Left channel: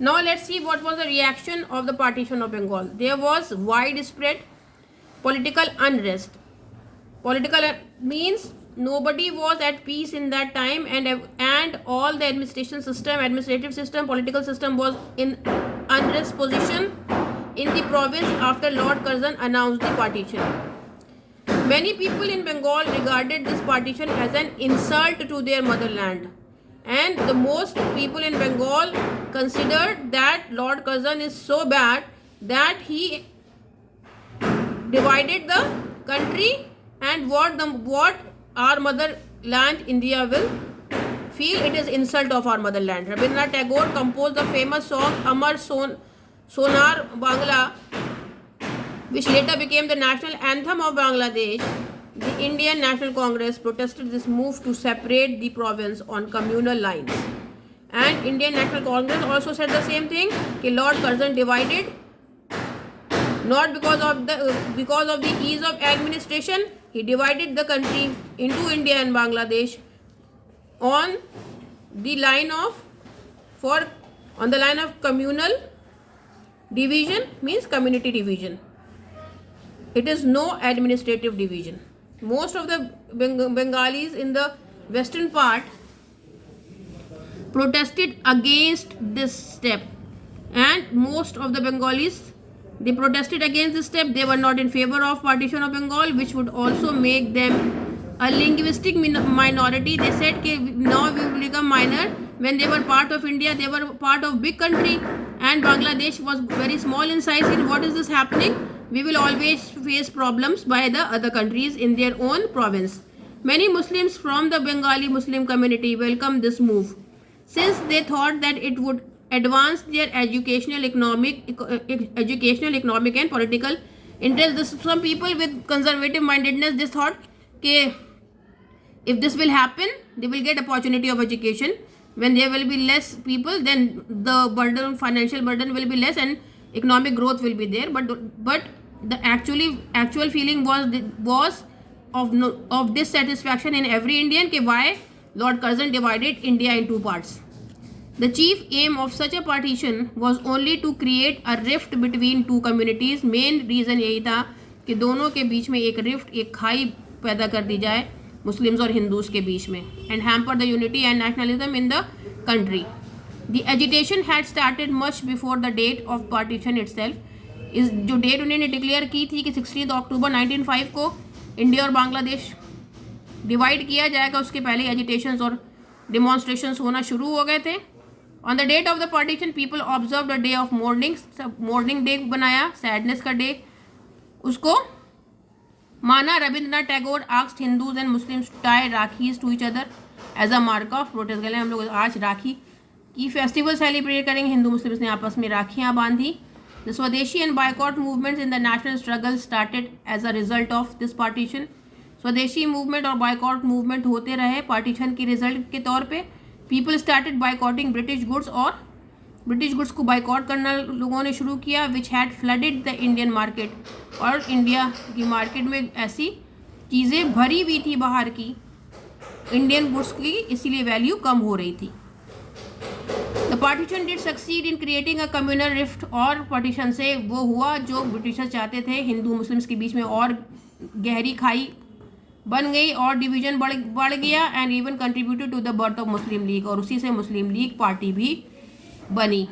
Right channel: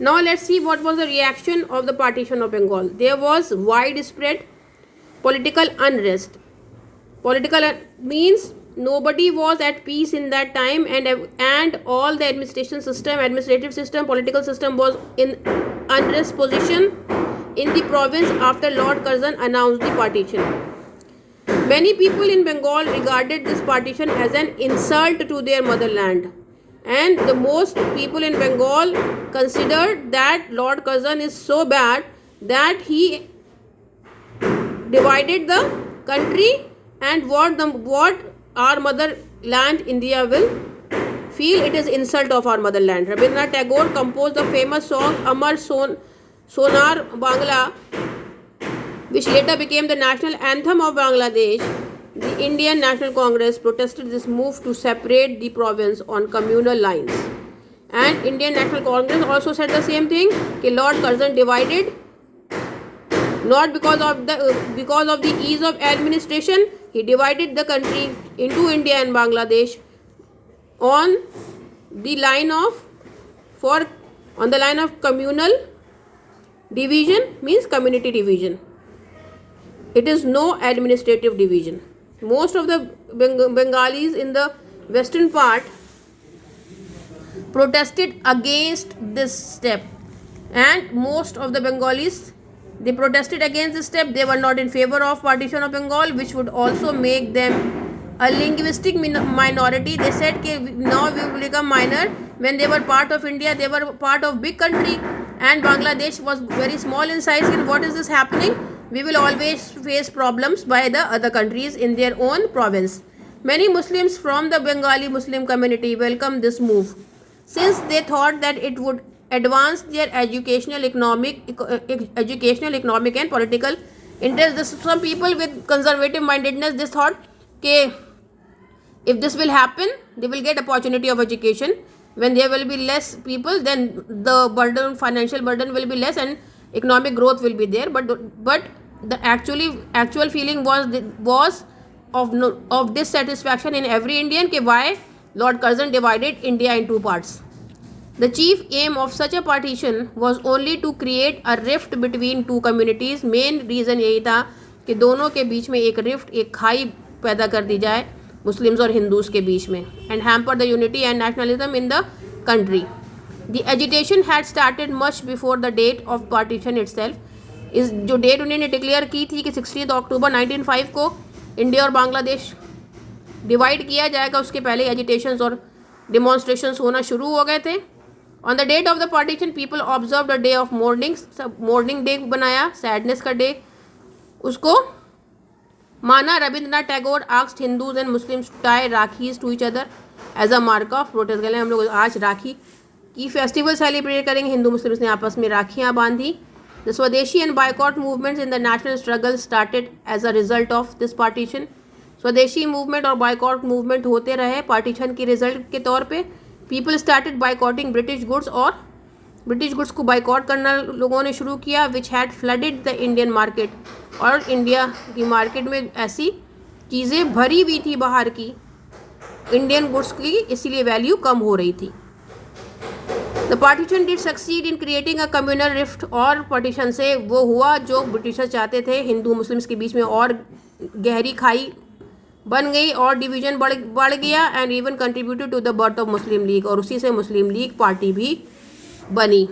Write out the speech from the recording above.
Now let's see what was the reaction of the partition of Bengal. There was widespread political unrest. Political means nobody was at peace in that time, and all the administrative system, political system was in unrest position in the province after Lord Curzon announced the partition. Many people in Bengal regarded this partition as an insult to their motherland, and the most people in Bengal considered that Lord Curzon is so bad that he divided the country, and what our motherland India will feel it is insult of our motherland. Rabindranath Tagore composed the famous song Amar Sonar Bangla, which later became the national anthem of Bangladesh. The Indian National Congress protested this move to separate the province on communal lines. And Indian National Congress also said the same thing, that Lord Curzon divided not because of the ease of administration. He divided the country into India and Bangladesh on the line of communal division, means community division. It is no administrative division. Most of the Bengalis in the western part protested against this step, and most of the Bengalis, they protested against this step. They were not in favor of partition of Bengal, which would also make them a linguistic minority. They said that now we will become minor. When they were part of India, they were part of big country, and Bangladesh was very small in size. And what is this happening? We will always face problems by the other countries in their own province. Many Muslims from the Bengali Muslim community welcomed this move, since they thought that it would advance their educational, economic and political interests. Some people with conservative mindedness, they thought that if this will happen, they will get opportunity of education. When there will be less people, then the financial burden will be less, and economic growth will be there. But the actual feeling was of dissatisfaction in every Indian, that why Lord Curzon divided India in two parts. The chief aim of such a partition was only to create a rift between two communities. Main reason यही था कि दोनों के बीच में एक rift, एक खाई पैदा कर दी जाए मुस्लिम्स और हिंदूज के बीच में, and hamper the unity and nationalism in the country. The agitation had started much before the date of partition itself. इस जो डेट उन्होंने डिक्लेयर की थी कि 16 अक्टूबर 1905 को इंडिया और बांग्लादेश डिवाइड किया जाएगा, उसके पहले एजिटेशंस और डिमॉन्स्ट्रेशंस होना शुरू हो गए थे. On the date of the partition people observe the day of mourning day बनाया, सैडनेस का डे उसको माना. Rabindranath Tagore asked Hindus and Muslims to tie rakhis to each other as a mark of protest. गले हम लोग आज राखी की फेस्टिवल सेलिब्रेट करेंगे. हिंदू मुस्लिम्स ने आपस में राखियाँ बांधी. The Swadeshi and boycott movements in the national struggle started as a result of this partition. स्वदेशी मूवमेंट और बाइकआउट मूवमेंट होते रहे पार्टीशन के रिजल्ट के तौर पे. पीपल स्टार्टेड बाइकआउटिंग ब्रिटिश गुड्स, और ब्रिटिश गुड्स को बाइकआउट करना लोगों ने शुरू किया, which had flooded the Indian market. और इंडिया की मार्केट में ऐसी चीज़ें भरी हुई थी बाहर की इंडियन गुड्स की, इसीलिए वैल्यू कम हो रही थी. The partition did succeed in creating a communal rift. और पार्टीशन से वो हुआ जो ब्रिटिशर्स चाहते थे, हिंदू मुस्लिम्स के बीच में और गहरी खाई बन गई और डिवीजन बढ़ गया, and even contributed to the birth of Muslim League. और उसी से मुस्लिम लीग पार्टी भी बनी.